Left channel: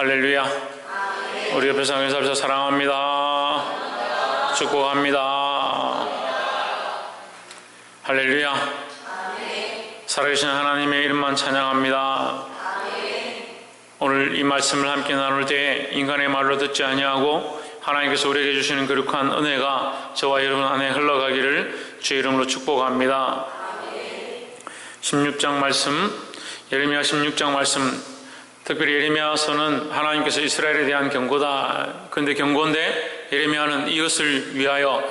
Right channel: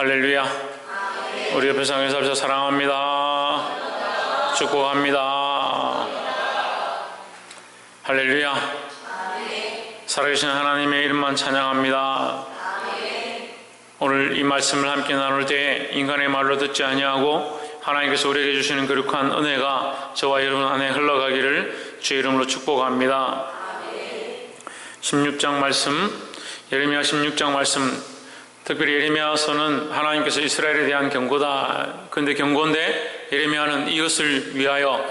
할렐루야. 우리 옆에 상에서 사랑합니다. 축복합니다. 할렐루야. 살아계신 하나님의 이름만 찬양합니다. 오늘 이 말씀을 함께 나눌 때 인간의 말로 듣지 아니하고 하나님께서 우리에게 주시는 거룩한 은혜가 저와 여러분 안에 흘러가기를 주의 이름으로 축복합니다. 16장 말씀, 예레미야 16장 말씀, 특별히 예레미야서는 하나님께서 이스라엘에 대한 경고다. 그런데 경고인데 예레미야는 이것을 위하여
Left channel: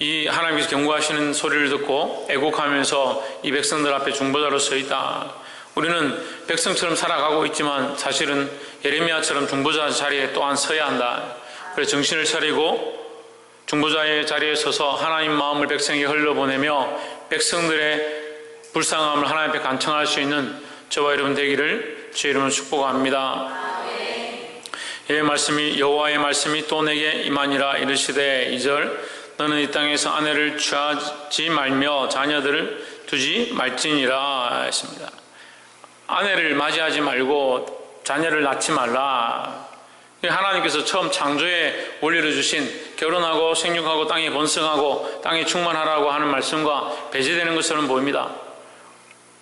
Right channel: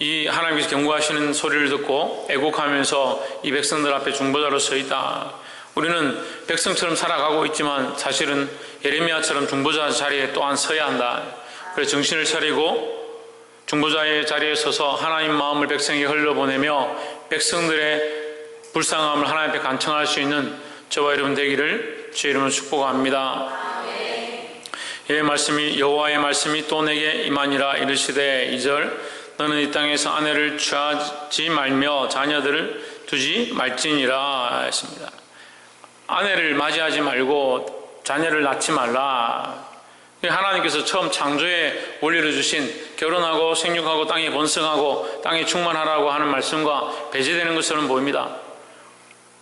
이 하나님께서 경고하시는 소리를 듣고 애곡하면서 이 백성들 앞에 중보자로 서 있다. 우리는 백성처럼 살아가고 있지만 사실은 예레미야처럼 중보자 자리에 또한 서야 한다. 그래서 정신을 차리고 중보자의 자리에 서서 하나님 마음을 백성에게 흘려보내며 백성들의 불쌍함을 하나님 앞에 간청할 수 있는 저와 여러분 되기를 주의 이름으로 축복합니다. 예, 말씀이 여호와의 말씀이 또 내게 임하니라 이르시되 2절 너는 이 땅에서 아내를 취하지 말며 자녀들을 두지 말지니라 했습니다. 아내를 맞이하지 말고 자녀를 낳지 말라. 하나님께서 처음 창조의 원리를 주신 결혼하고 생육하고 땅에 번성하고 땅에 충만하라고 하는 말씀과 배제되는 것처럼 보입니다.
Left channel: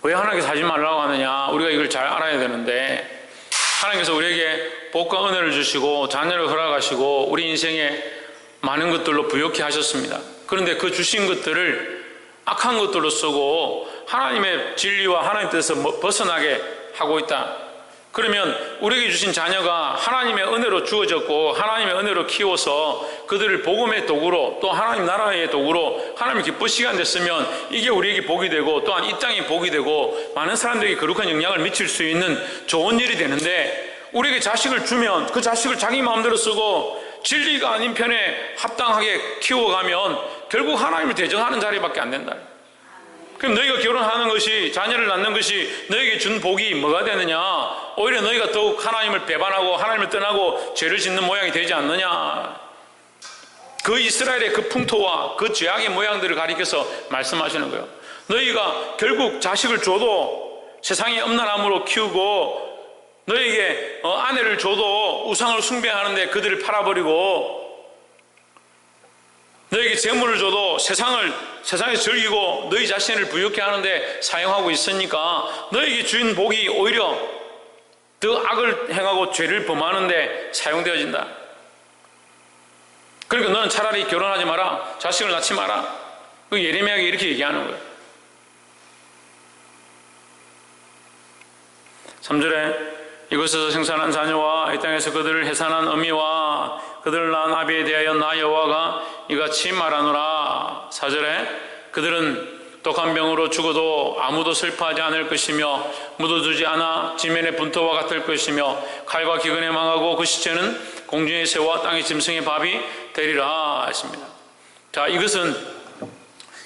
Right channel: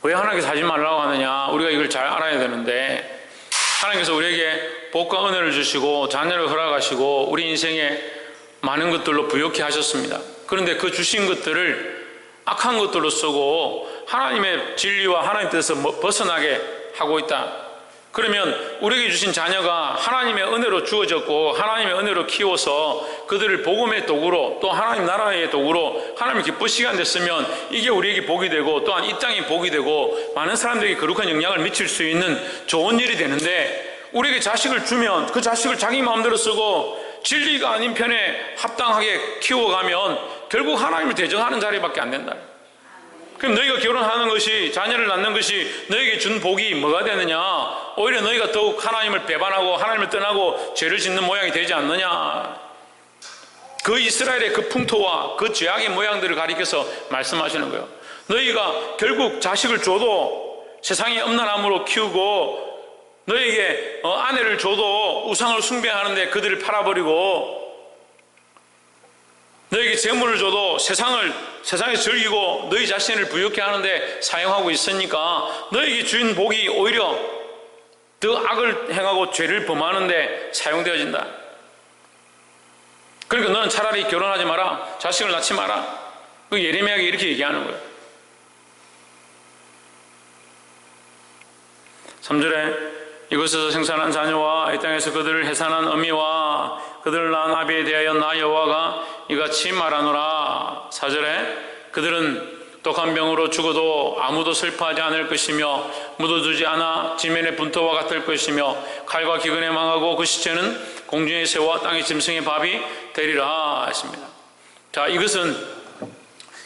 왜 하나님께서 하지 말라고 하느냐? 우리가 이걸 잘 알아야 되는데 하나님께서 우리에게 복과 은혜를 주시고 자녀를 허락하시고 우리 인생에 많은 것들로 부욕해 하셨습니다. 그런데 그 주신 것들을 악한 것들로 쓰고 하나님의 진리와 하나님 뜻에서 벗어나게 하고 있다. 그러면 우리에게 주신 자녀가 하나님의 은혜로 주어졌고 하나님의 은혜로 키워서 그들을 복음의 도구로 또 하나님 나라의 도구로 하나님이 기쁘시게 한 데 쓰면 이게 우리에게 복이 되고 또한 이 땅이 복이 되고 많은 사람들에게 거룩한 영향을 미칠 수 있는 좋은 일이 되는데 우리에게 자식을 주면 그 자식을 자기 마음대로 쓰고 진리가 아닌 편에 합당하게 키워가면 결국 하나님을 대적하는 자리밖에 안 된다. 그럼 너희가 결혼하는 것이 자녀를 낳는 것이 너희에게 준 복이 뭐가 되느냐? 오히려 너희가 더욱 하나님을 배반하고 하나님을 떠나고 죄를 짓는 모양이 되지 않느냐? 그 이스라엘의 그 풍토와 그 죄악의 모양들을 가리켜서 말씀하시는 거예요. 너희가 결국 자식을 줘도 세상의 음란함으로 키우고 너희에게 아내를 줘도 우상을 숭배하는데 그들을 팔아버리고 너희에게 재물을 줘도 세상에 즐기고 너희 자신을 부욕해 하는데 사용하고 있으니까 너희에게 주인 복이 오히려 더 악을 행하고 죄를 범하는데 사용되어진다. 그러니까 너는 차라리 결혼하지 마라. 자식을 낳지 마라. 그 예레미야에게 이렇게 얘기하는 거예요. 3절에 이곳에서 생산한 자녀와 이 땅에서 그들을 해산한 어미와 그들을 낳은 아비에 대하여 나 여호와가 이같이 말하노라. 4절에 그들은 독한 병으로 죽어도 아무도 슬퍼하지 않을 것이며 묻어두지 않아 지면의 분토와 같을 것이며 칼과 기근에 망하고 그 시체는 공중의 새와 땅의 짐승의 밥이 되리라 했습니다. 자, 이것은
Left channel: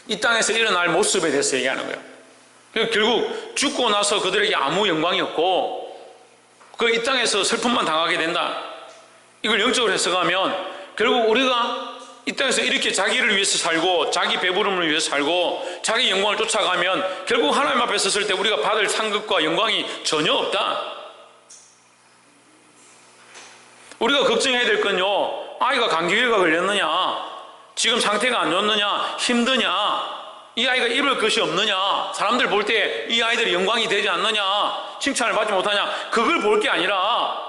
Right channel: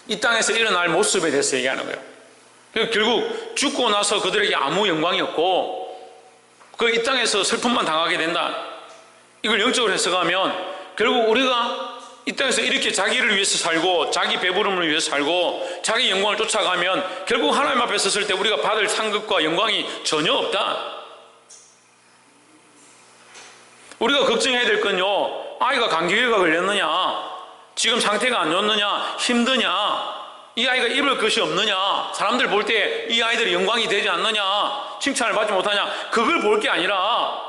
이 땅에서 일어날 모습에 대해서 얘기하는 거예요. 결국 죽고 나서 그들에게 아무 영광이 없고 그 이 땅에서 슬픔만 당하게 된다. 이걸 영적으로 해석하면 결국 우리가 이 땅에서 이렇게 자기를 위해서 살고 자기 배부름을 위해서 살고 자기 영광을 쫓아가면 결국 하나님 앞에 섰을 때 우리가 받을 상급과 영광이 전혀 없다. 우리가 걱정해야 될 건요, 아이가 감기가 걸렸느냐, 지금 상태가 안 좋느냐, 힘드냐, 이 아이가 입을 것이 없느냐, 사람들 볼 때 이 아이들이 영광이 되지 않느냐, 칭찬을 받지 못하냐, 그걸 볼 게 아니라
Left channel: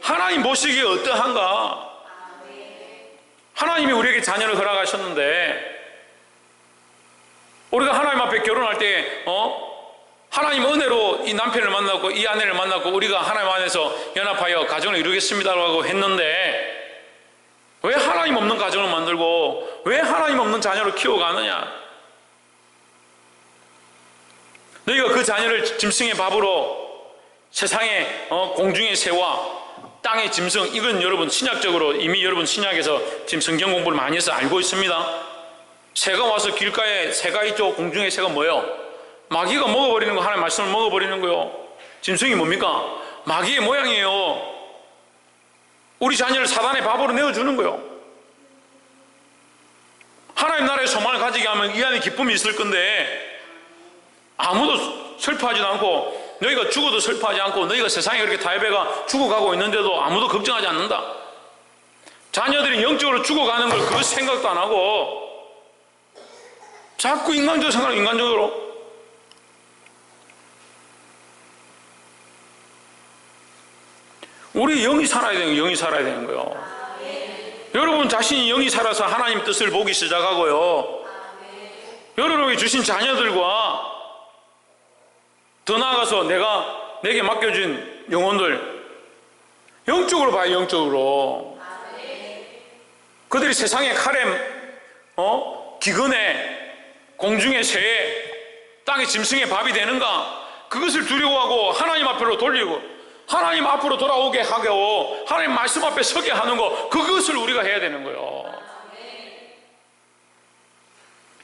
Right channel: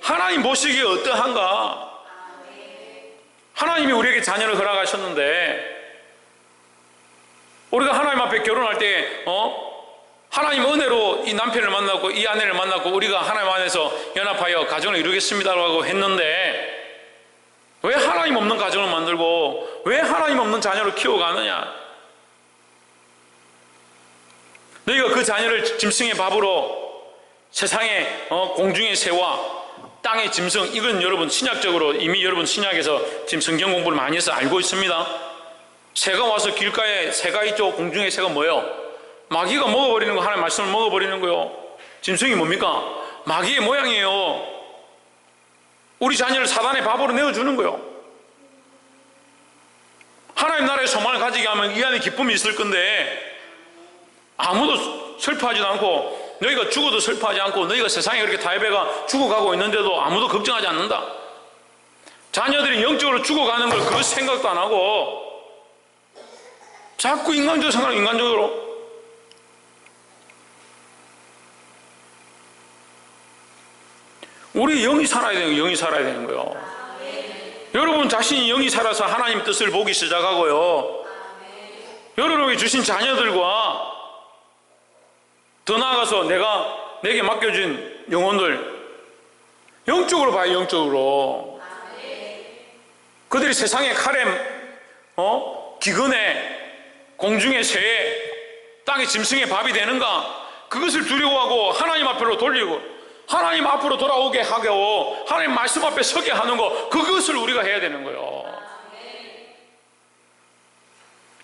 하나님 보시기에 어떠한가. 하나님이 우리에게 자녀를 허락하셨는데 우리가 하나님 앞에 결혼할 때 하나님 은혜로 이 남편을 만났고 이 아내를 만났고 우리가 하나님 안에서 연합하여 가정을 이루겠습니다라고 했는데 왜 하나님 없는 가정을 만들고 왜 하나님 없는 자녀를 키워가느냐? 너희가 그 자녀를 짐승의 밥으로 세상의 공중의 새와 땅의 짐승, 이건 여러분 신약적으로 이미 여러분 신약에서 지금 성경 공부를 많이 해서 알고 있습니다. 새가 와서 길가에 새가 있죠. 공중의 새가 뭐예요? 마귀가 먹어버리는 거, 하나님의 말씀을 먹어버리는 거요. 짐승이 뭡니까? 마귀의 모양이에요. 우리 자녀를 사단의 밥으로 내어주는 거요. 하나님 나라의 소망을 가지게 하면 이 안에 기쁨이 있을 건데 아무도 슬퍼하지도 않고 너희가 죽어도 슬퍼하지 않고 너희가 세상에 그렇게 타협해가 죽어가고 있는데도 아무도 걱정하지 않는다. 자녀들이 영적으로 죽어가는 걸 그 생각도 안 하고 자꾸 인간적으로 생각하고 인간적으로. 우리 영이 살아야 되는 거예요. 영이 살아야 되는 거예요. 여러분 자신이 영이 살아서 하나님 뜻을 보기 시작하고요. 여러분에게 주신 자녀들과 더 나아가서 내게 맡겨진 영혼들 영적으로 봐요. 영적으로. 그들이 세상의 칼에 기근에 공중의 새에 땅의 짐승의 밥이 되는가, 그것을 두려워하고 하나님 앞으로 돌리고 하나님 앞으로 돌아오게 하고 하나님 말씀 앞에 서게 하는 거, 그것을 우리가 해야 되는 거예요.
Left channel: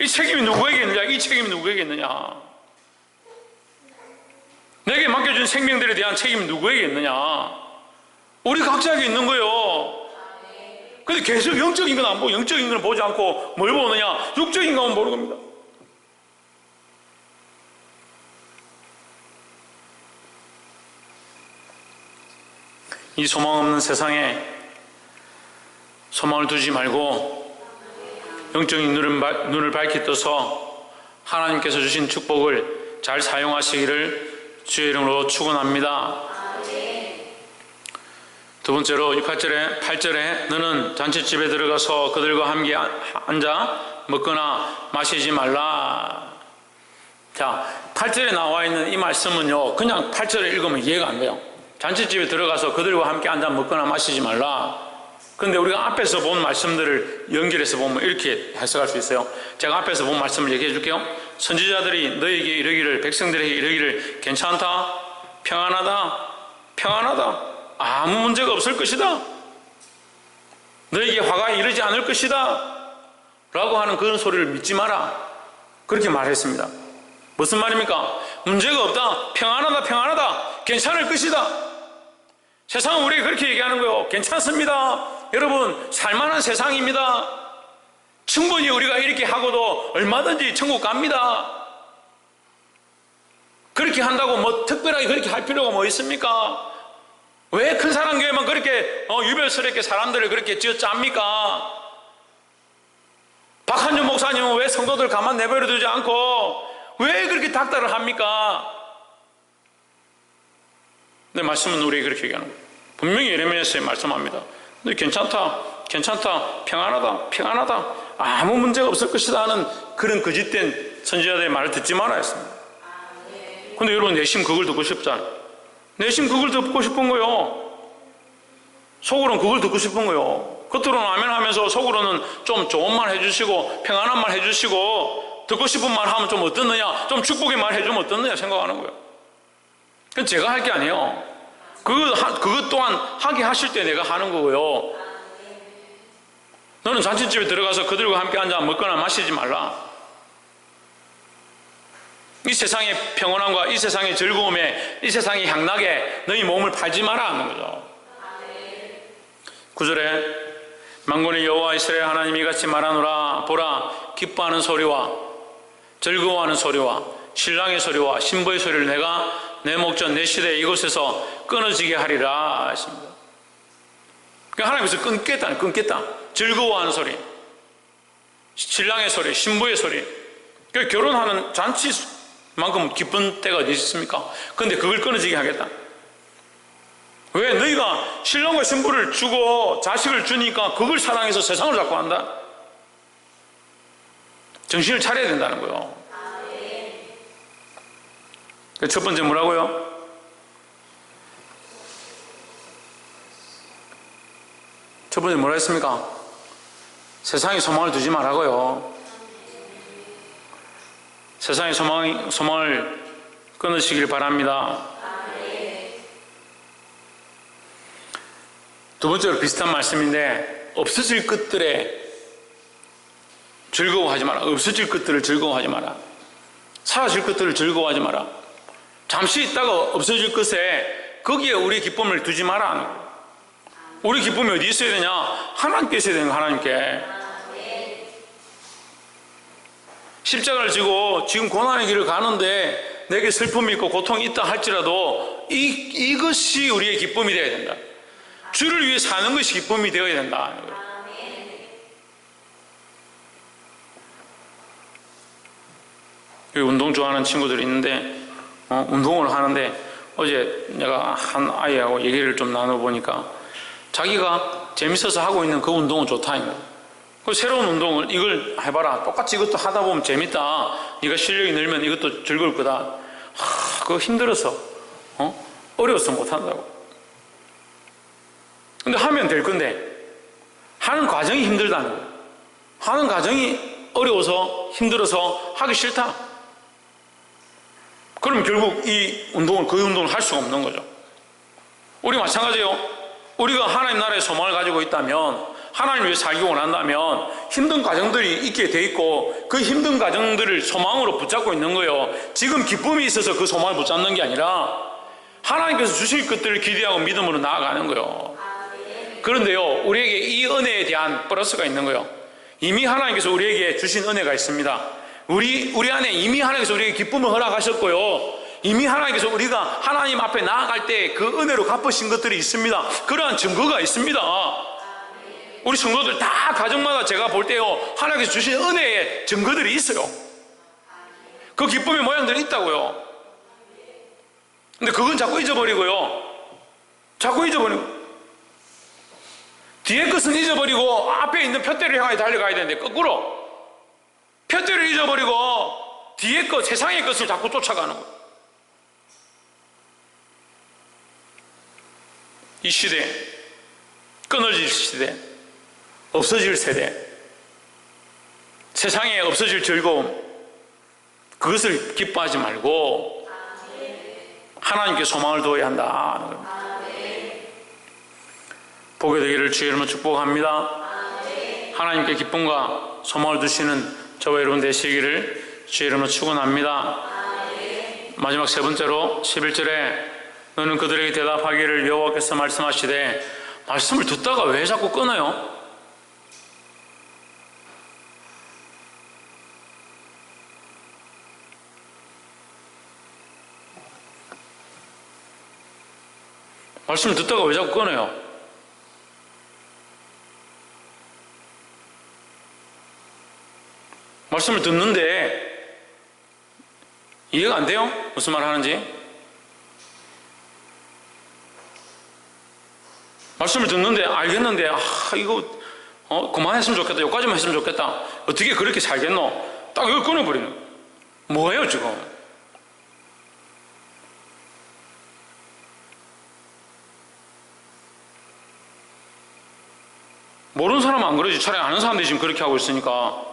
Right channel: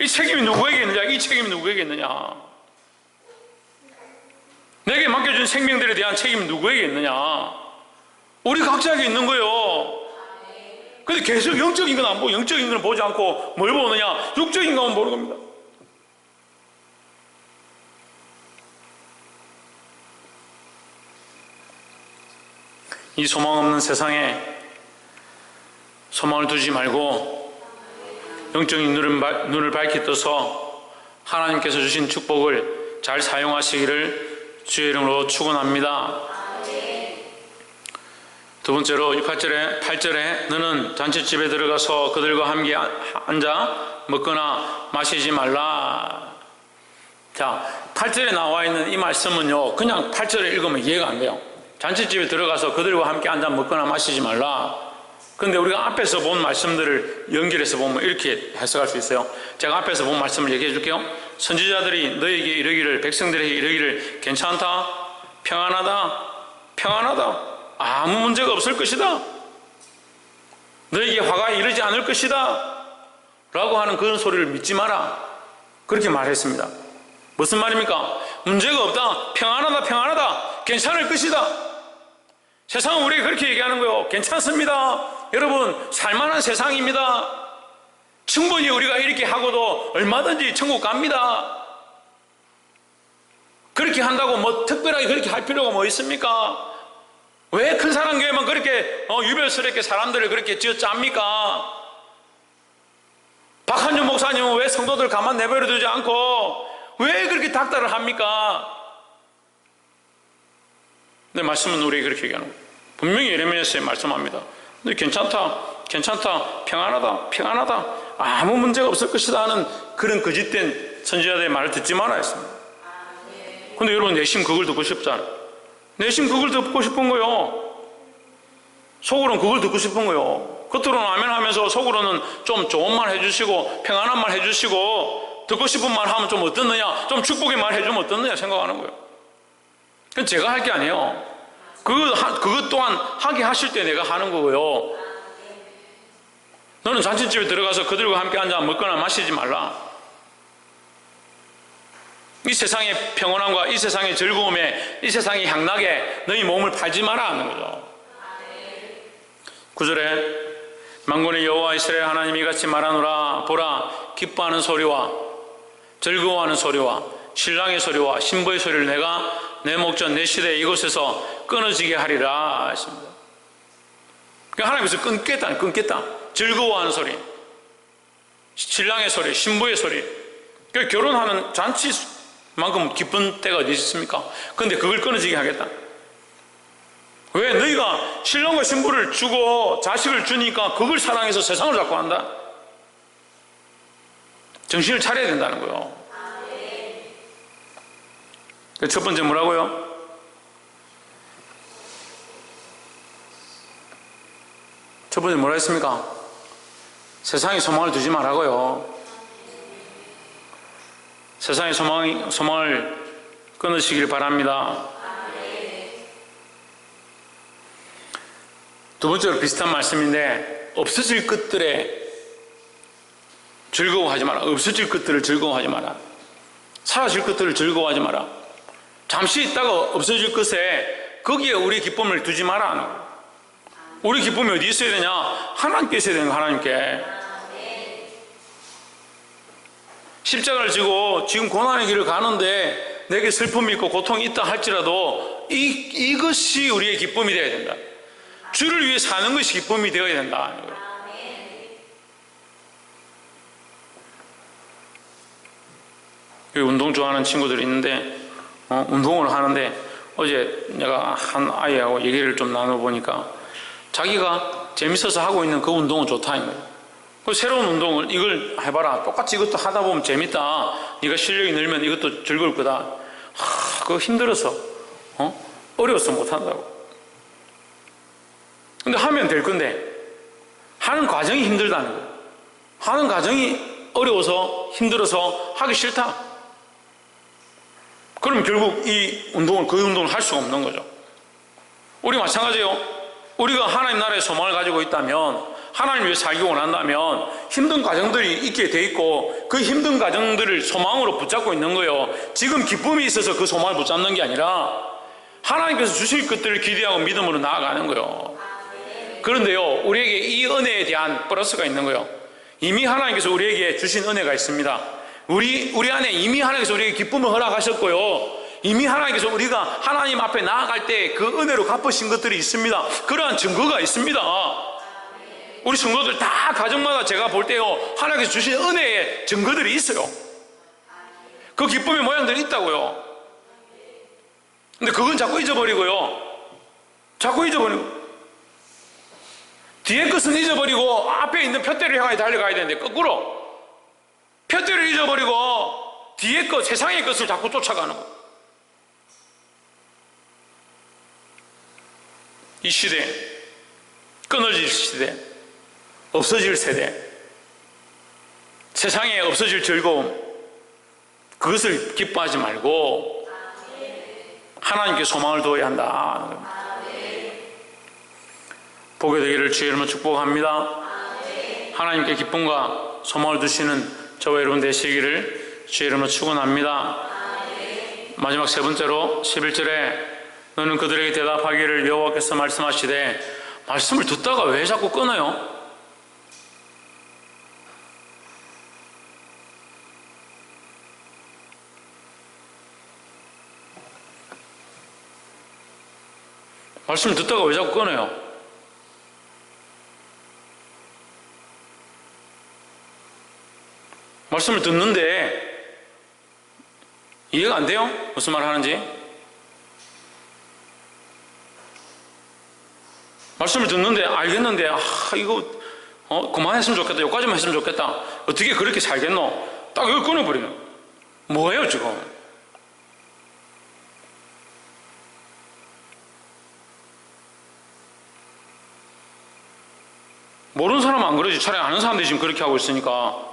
이 책임이 누구에게 있느냐? 이 책임이 누구에게 있느냐? 내게 맡겨준 생명들에 대한 책임이 누구에게 있느냐? 우리 각자에게 있는 거예요. 근데 계속 영적인 건 안 보고, 영적인 건 보지 않고 뭘 보느냐? 육적인 것만 보는 겁니다. 이 소망 없는 세상에 소망을 두지 말고 영적인 눈을 밝히 떠서 하나님께서 주신 축복을 잘 사용하시기를 주의 이름으로 축원합니다. 두 번째로 8절에 너는 잔치집에 들어가서 그들과 함께 앉아 먹거나 마시지 말라. 자, 8절에 나와 있는 이 말씀은요, 그냥 8절을 읽으면 이해가 안 돼요. 잔치집에 들어가서 그들과 함께 앉아 먹거나 마시지 말라. 그런데 우리가 앞에서 본 말씀들을 연결해서 보면 이렇게 해석할 수 있어요. 제가 앞에서 본 말씀을 얘기해 줄게요. 선지자들이 너에게 이르기를, 백성들에게 이르기를, 괜찮다, 평안하다, 아무 문제가 없을 것이다, 너에게 화가 이르지 않을 것이다 라고 하는 그런 소리를 믿지 마라, 그렇게 말했습니다. 무슨 말입니까? 문제가 없다, 평안하다, 괜찮을 것이다. 세상은 우리에게 그렇게 얘기하는 거예요. 괜찮습니다, 여러분, 살만한 세상입니다. 충분히 우리가 이렇게 하고도 얼마든지 천국 갑니다. 그렇게 한다고 뭐 특별하게 그렇게 할 필요가 뭐 있습니까? 왜 큰 사랑 교회만 그렇게 유별스럽게 사람들을 그렇게 쥐어짭니까? 박한준 목사님은 왜 성도들 가만 내버려 두지 않고 왜 그렇게 닥달을 합니까? 내 말씀은 우리에게 그렇게 얘기하는 거예요. 분명히 예레미야서에 말씀합니다. 근데 괜찮다, 평안하다, 아무 문제가 없을 것이다 하는 그런 거짓된 선지자들의 말을 듣지 말아야 했습니다. 근데 여러분, 내심 그걸 듣고 싶잖아요. 내심 그걸 듣고 싶은 거요. 속으로는 그걸 듣고 싶은 거요. 겉으로는 아멘 하면서 속으로는 좀 좋은 말 해주시고 평안한 말 해주시고 듣고 싶은 말 하면 좀 어떻느냐, 좀 축복의 말 해주면 어떻느냐 생각하는 거예요. 그건 제가 할 게 아니에요. 그것 또한 하게 하실 때 내가 하는 거고요. 너는 잔치집에 들어가서 그들과 함께 앉아 먹거나 마시지 말라. 이 세상의 평온함과 이 세상의 즐거움에, 이 세상의 향락에 너희 몸을 팔지 마라 하는 거죠. 9절에 만군의 여호와 이스라엘 하나님이 이같이 말하노라. 보라, 기뻐하는 소리와 즐거워하는 소리와 신랑의 소리와 신부의 소리를 내가 내 목전 내 시대 이곳에서 끊어지게 하리라 하십니다. 그러니까 하나님께서 끊겠다. 즐거워하는 소리, 신랑의 소리, 신부의 소리. 그러니까 결혼하는 잔치만큼 기쁜 때가 어디 있습니까? 그런데 그걸 끊어지게 하겠다. 왜? 너희가 신랑과 신부를 주고 자식을 주니까 그걸 사랑해서 세상을 자꾸 한다. 정신을 차려야 된다는 거예요. 첫 번째 뭐라고요? 첫 번째 뭐라 했습니까? 세상에 소망을 두지 말라고요. 세상에 소망을 끊으시길 바랍니다. 두 번째로 비슷한 말씀인데, 없어질 것들에 즐거워하지 마라. 없어질 것들을 즐거워하지 마라. 사라질 것들을 즐거워하지 마라. 잠시 있다가 없어질 것에 거기에 우리 기쁨을 두지 마라 하는 거예요. 우리 기쁨이 어디 있어야 되냐? 하나님께 있어야 되는 거예요. 하나님께. 십자가를 지고 지금 고난의 길을 가는데 내게 슬픔이 있고 고통이 있다 할지라도 이것이 우리의 기쁨이 되어야 된다. 주를 위해 사는 것이 기쁨이 되어야 된다. 운동 좋아하는 친구들이 있는데 운동을 하는데 어제 내가 한 아이하고 얘기를 좀 나눠보니까 자기가 재밌어서 하고 있는 그 운동은 좋다. 그 새로운 운동을 이걸 해봐라. 똑같이 이것도 하다 보면 재밌다. 네가 실력이 늘면 이것도 즐거울 거다. 그거 힘들어서 어려워서 못한다고. 근데 하면 될 건데 하는 과정이 힘들다는 거예요. 하는 과정이 어려워서 힘들어서 하기 싫다. 그럼 결국 그 운동을 할 수가 없는 거죠. 우리 마찬가지예요. 우리가 하나님 나라의 소망을 가지고 있다면, 하나님 위해 살기 원한다면 힘든 과정들이 있게 돼 있고 그 힘든 과정들을 소망으로 붙잡고 있는 거예요. 지금 기쁨이 있어서 그 소망을 붙잡는 게 아니라 하나님께서 주실 것들을 기대하고 믿음으로 나아가는 거예요. 그런데요, 우리에게 이 은혜에 대한 플러스가 있는 거예요. 이미 하나님께서 우리에게 주신 은혜가 있습니다. 우리 안에 이미 하나님께서 우리에게 기쁨을 허락하셨고요, 이미 하나님께서 우리가 하나님 앞에 나아갈 때 그 은혜로 갚으신 것들이 있습니다. 그러한 증거가 있습니다. 우리 성도들 다 가정마다 제가 볼 때요, 하나님께서 주신 은혜의 증거들이 있어요. 그 기쁨의 모양들이 있다고요. 근데 그건 자꾸 잊어버리고요, 뒤에 것은 잊어버리고 앞에 있는 푯대를 향해 달려가야 되는데 거꾸로 푯대를 잊어버리고 뒤에 것, 세상의 것을 자꾸 쫓아가는 거예요. 이 시대, 끊어질 시대, 없어질 세대, 세상에 없어질 즐거움, 그것을 기뻐하지 말고 하나님께 소망을 두어야 한다. 보게 되기를 주의 이름으로 축복합니다. 하나님께 기쁨과 소망을 두시는 저와 여러분 되시기를 주의 이름으로 축원합니다. 마지막 세 번째로 11절에 너는 그들에게 대답하기를 여호와께서 말씀하시되, 말씀을 듣다가 왜 자꾸 끊어요? 말씀을 듣다가 왜 자꾸 끊어요? 말씀을 듣는데 이해가 안 돼요? 무슨 말 하는지? 말씀을 듣는데 알겠는데 이거 그만했으면 좋겠다, 여기까지만 했으면 좋겠다, 어떻게 그렇게 살겠노? 딱 이걸 끊어버리는 거예요. 뭐예요 지금? 모르는 사람은 안 그러지. 차라리 아는 사람들이 지금 그렇게 하고 있으니까.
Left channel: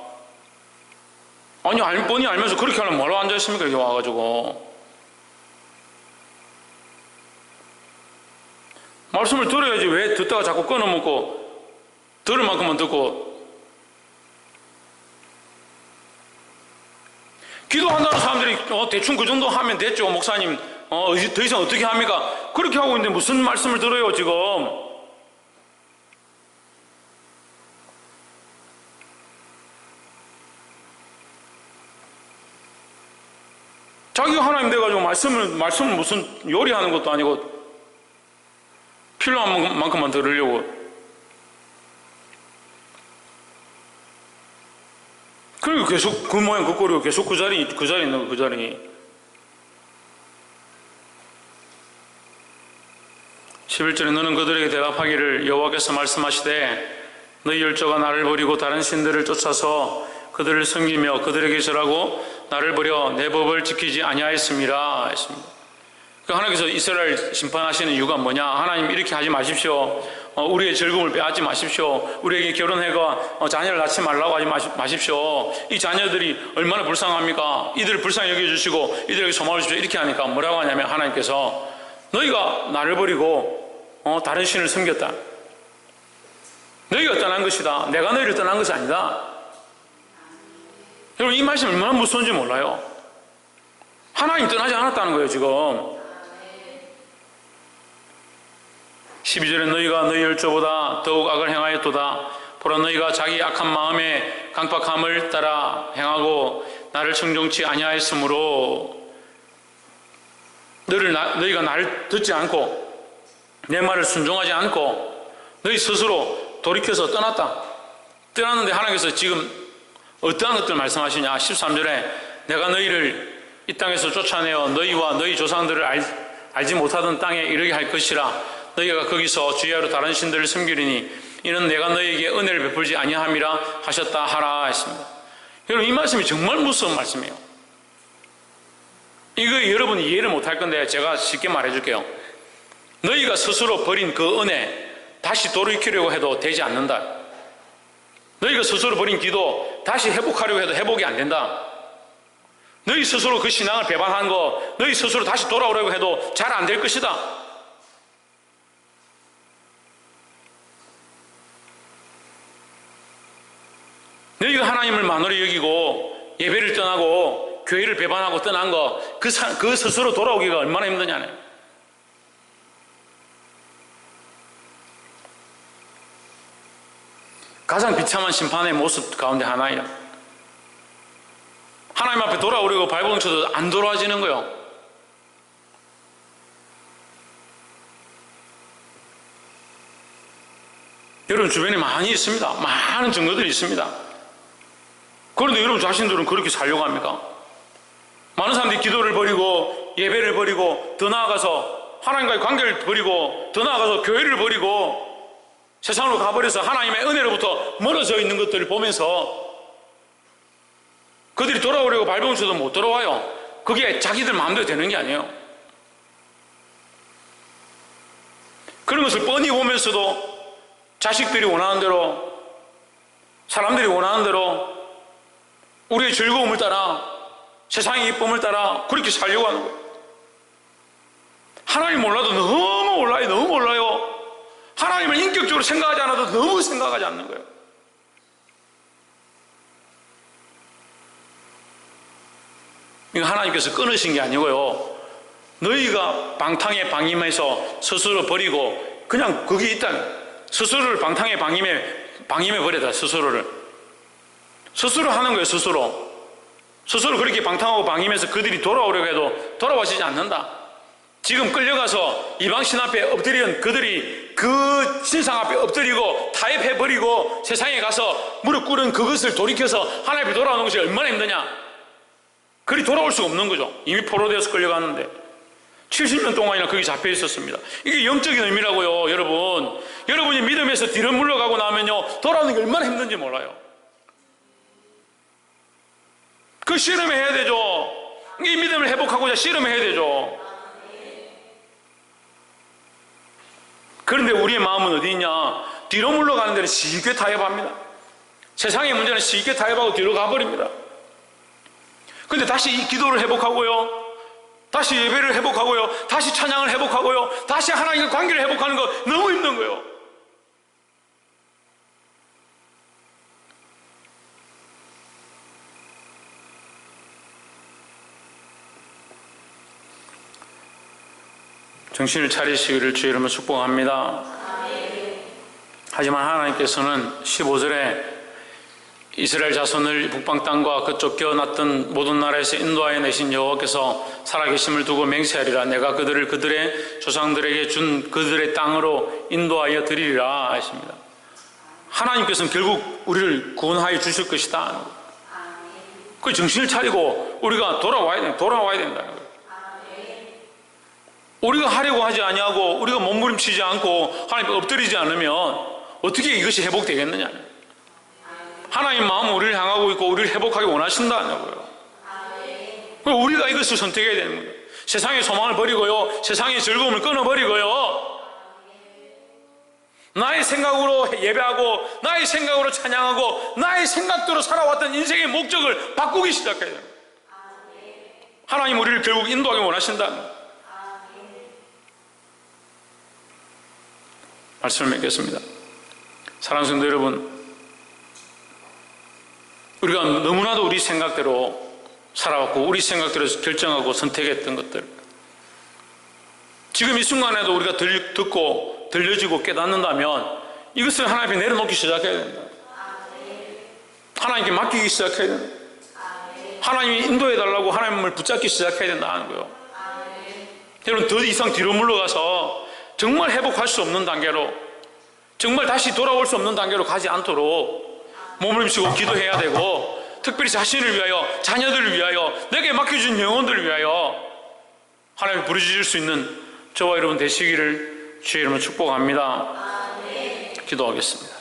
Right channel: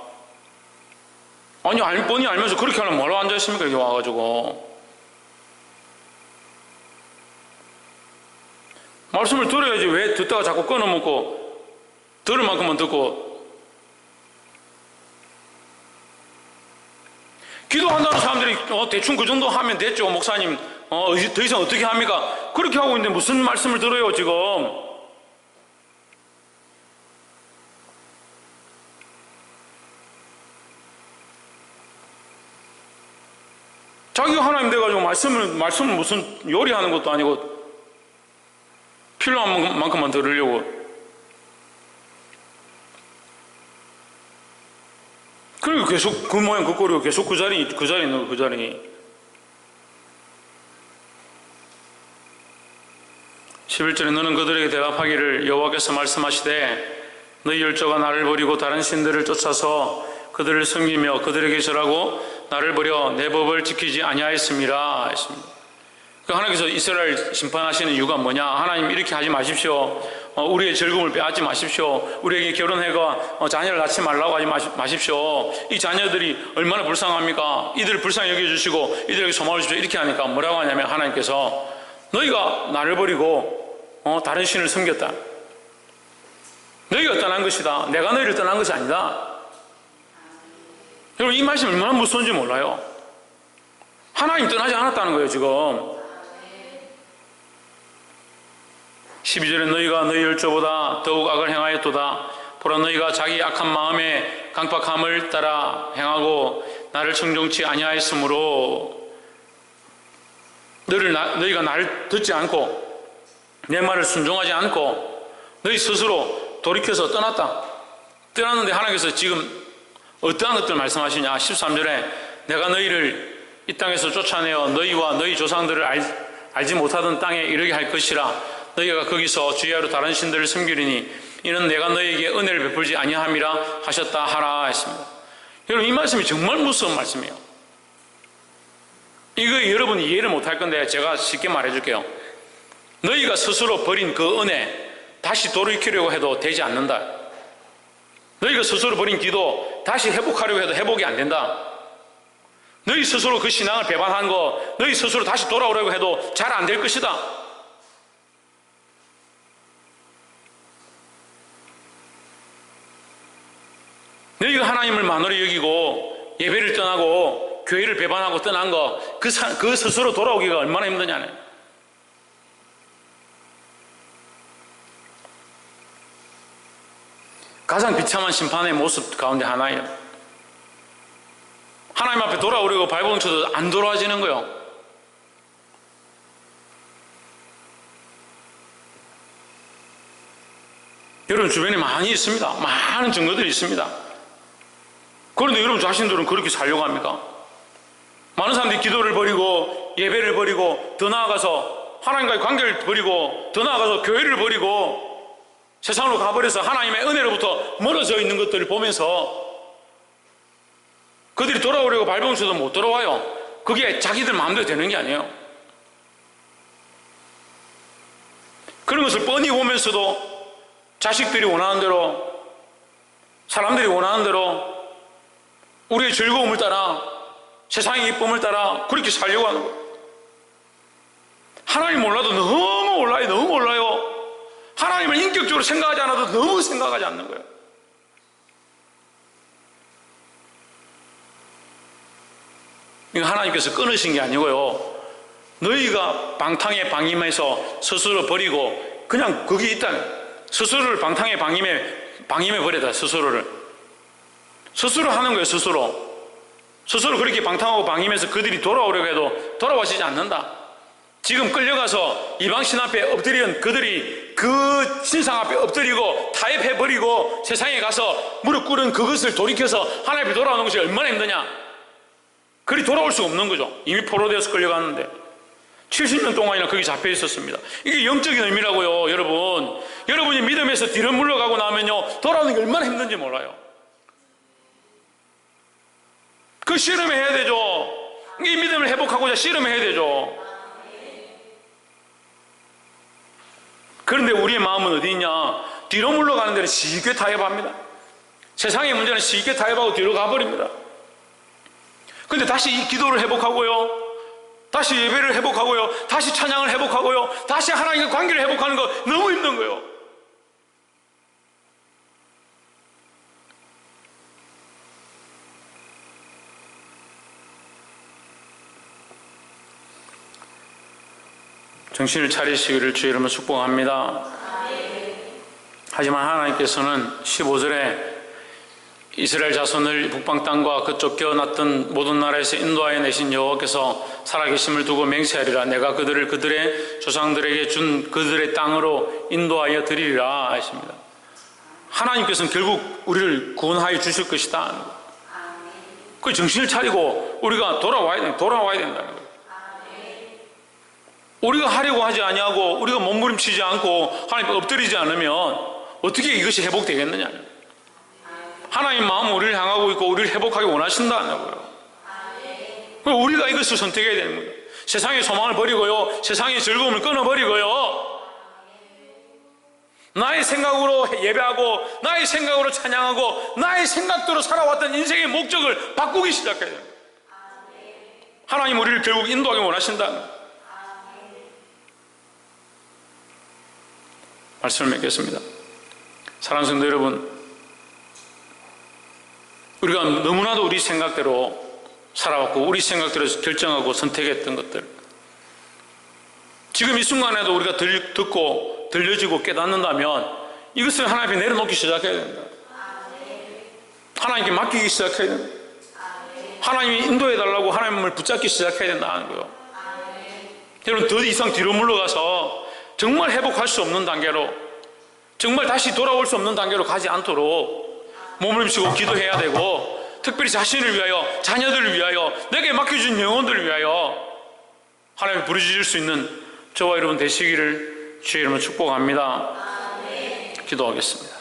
아니 뻔히 알면서 그렇게 하려면 뭐로 앉아있습니까? 여기 와가지고. 말씀을 들어야지 왜 듣다가 자꾸 끊어먹고, 들을 만큼만 듣고. 기도한다는 사람들이 대충 그 정도 하면 됐죠, 목사님. 더 이상 어떻게 합니까? 그렇게 하고 있는데 무슨 말씀을 들어요 지금? 자기가 하나님 돼가지고 말씀을 무슨 요리하는 것도 아니고 필요한 만큼만 들으려고. 그리고 계속 그 모양 그 꼴이고 계속 그 자리 있는 거, 그 자리. 11절에 너는 그들에게 대답하기를 여호와께서 말씀하시되 너희 열조가 나를 버리고 다른 신들을 쫓아서 그들을 섬기며 그들에게 절하고 나를 버려 내 법을 지키지 아니하였습니다 했습니다. 하나님께서 이스라엘 심판하시는 이유가 뭐냐? 하나님 이렇게 하지 마십시오. 우리의 즐거움을 빼앗지 마십시오. 우리에게 결혼해가 자녀를 낳지 말라고 하지 마십시오. 이 자녀들이 얼마나 불쌍합니까? 이들을 불쌍히 여겨주시고 이들에게 소망을 주십시오. 이렇게 하니까 뭐라고 하냐면 하나님께서 너희가 나를 버리고 다른 신을 섬겼다. 너희가 떠난 것이다. 내가 너희를 떠난 것이 아니다. 여러분 이 말씀 얼마나 무서운지 몰라요. 하나님 떠나지 않았다는 거예요 지금. 12절에 너희가 너희 열조보다 더욱 악을 행하였도다. 보라 너희가 자기 악한 마음의 강팍함을 따라 행하고 나를 청종치 아니하였으므로 너희가 나를 듣지 않고 내 말을 순종하지 않고 너희 스스로 돌이켜서 떠났다. 떠났는데 하나님께서 지금 어떠한 것들 말씀하시냐. 13절에 내가 너희를 이 땅에서 쫓아내어 너희와 너희 조상들을 알지 못하던 땅에 이르게 할 것이라. 너희가 거기서 주야로 다른 신들을 섬기리니 이는 내가 너희에게 은혜를 베풀지 아니함이라 하셨다 하라 했습니다. 여러분, 이 말씀이 정말 무서운 말씀이에요. 이거 여러분이 이해를 못할 건데 제가 쉽게 말해줄게요. 너희가 스스로 버린 그 은혜 다시 돌이키려고 해도 되지 않는다. 너희가 스스로 버린 기도 다시 회복하려고 해도 회복이 안 된다. 너희 스스로 그 신앙을 배반한 거 너희 스스로 다시 돌아오려고 해도 잘 안 될 것이다. 너희가 하나님을 만으로 여기고 예배를 떠나고 교회를 배반하고 떠난 거 그 스스로 돌아오기가 얼마나 힘드냐네. 가장 비참한 심판의 모습 가운데 하나예요. 하나님 앞에 돌아오려고 발버둥 쳐도 안 돌아와지는 거예요. 여러분 주변에 많이 있습니다. 많은 증거들이 있습니다. 그런데 여러분 자신들은 그렇게 살려고 합니까? 많은 사람들이 기도를 버리고 예배를 버리고 더 나아가서 하나님과의 관계를 버리고 더 나아가서 교회를 버리고 세상으로 가버려서 하나님의 은혜로부터 멀어져 있는 것들을 보면서 그들이 돌아오려고 발버둥 쳐도 못 돌아와요. 그게 자기들 마음대로 되는 게 아니에요. 그런 것을 뻔히 보면서도 자식들이 원하는 대로 사람들이 원하는 대로 우리의 즐거움을 따라 세상의 이쁨을 따라 그렇게 살려고 하는 거예요. 하나님 몰라도 너무 몰라요. 너무 몰라요. 하나님을 인격적으로 생각하지 않아도 너무 생각하지 않는 거예요. 이거 하나님께서 끊으신 게 아니고요. 너희가 방탕에 방임해서 스스로 버리고 그냥 거기 있다. 스스로를 방탕에 방임해 버리다. 스스로 하는 거예요. 스스로 그렇게 방탕하고 방임해서 그들이 돌아오려고 해도 돌아오시지 않는다. 지금 끌려가서 이방신 앞에 엎드린 그들이 그 신상 앞에 엎드리고 타협해버리고 세상에 가서 무릎 꿇은 그것을 돌이켜서 하나님 앞에 돌아오는 것이 얼마나 힘드냐. 그리 돌아올 수가 없는 거죠. 이미 포로되어서 끌려갔는데 70년 동안이나 거기 잡혀 있었습니다. 이게 영적인 의미라고요. 여러분이 믿음에서 뒤로 물러가고 나면요 돌아오는 게 얼마나 힘든지 몰라요. 그 씨름해야 되죠. 이 믿음을 회복하고자 씨름해야 되죠. 그런데 우리의 마음은 어디 있냐? 뒤로 물러가는 데는 쉽게 타협합니다. 세상의 문제는 쉽게 타협하고 뒤로 가버립니다. 그런데 다시 이 기도를 회복하고요, 다시 예배를 회복하고요, 다시 찬양을 회복하고요, 다시 하나님과 관계를 회복하는 거 너무 힘든 거예요. 정신을 차리시기를 주의 이름으로 축복합니다. 하지만 하나님께서는 15절에 이스라엘 자손을 북방 땅과 그 쫓겨났던 모든 나라에서 인도하여 내신 여호와께서 살아계심을 두고 맹세하리라. 내가 그들을 그들의 조상들에게 준 그들의 땅으로 인도하여 드리리라 하십니다. 하나님께서는 결국 우리를 구원하여 주실 것이다. 그 정신을 차리고 우리가 돌아와야 된다는 거예요. 우리가 하려고 하지 아니하고 우리가 몸부림치지 않고 하나님께 엎드리지 않으면 어떻게 이것이 회복되겠느냐. 하나님 마음은 우리를 향하고 있고 우리를 회복하기 원하신다고요. 우리가 이것을 선택해야 되는 거예요. 세상의 소망을 버리고요, 세상의 즐거움을 끊어버리고요, 나의 생각으로 예배하고 나의 생각으로 찬양하고 나의 생각대로 살아왔던 인생의 목적을 바꾸기 시작해야 됩니다. 하나님 우리를 결국 인도하기 원하신다는 거예요. 말씀을 맺겠습니다. 사랑하는 성도 여러분, 우리가 너무나도 우리 생각대로 살아왔고 우리 생각대로 결정하고 선택했던 것들, 지금 이 순간에도 우리가 듣고 들려지고 깨닫는다면 이것을 하나님 앞에 내려놓기 시작해야 됩니다. 하나님께 맡기기 시작해야 됩니다. 하나님이 인도해달라고 하나님을 붙잡기 시작해야 된다는 거예요. 여러분, 더 이상 뒤로 물러가서 정말 회복할 수 없는 단계로, 정말 다시 돌아올 수 없는 단계로 가지 않도록 몸부림치고 기도해야 되고, 특별히 자신을 위하여, 자녀들을 위하여, 내게 맡겨준 영혼들을 위하여 하나님을 부르짖을 수 있는 저와 여러분 되시기를 주의 이름으로 축복합니다. 기도하겠습니다.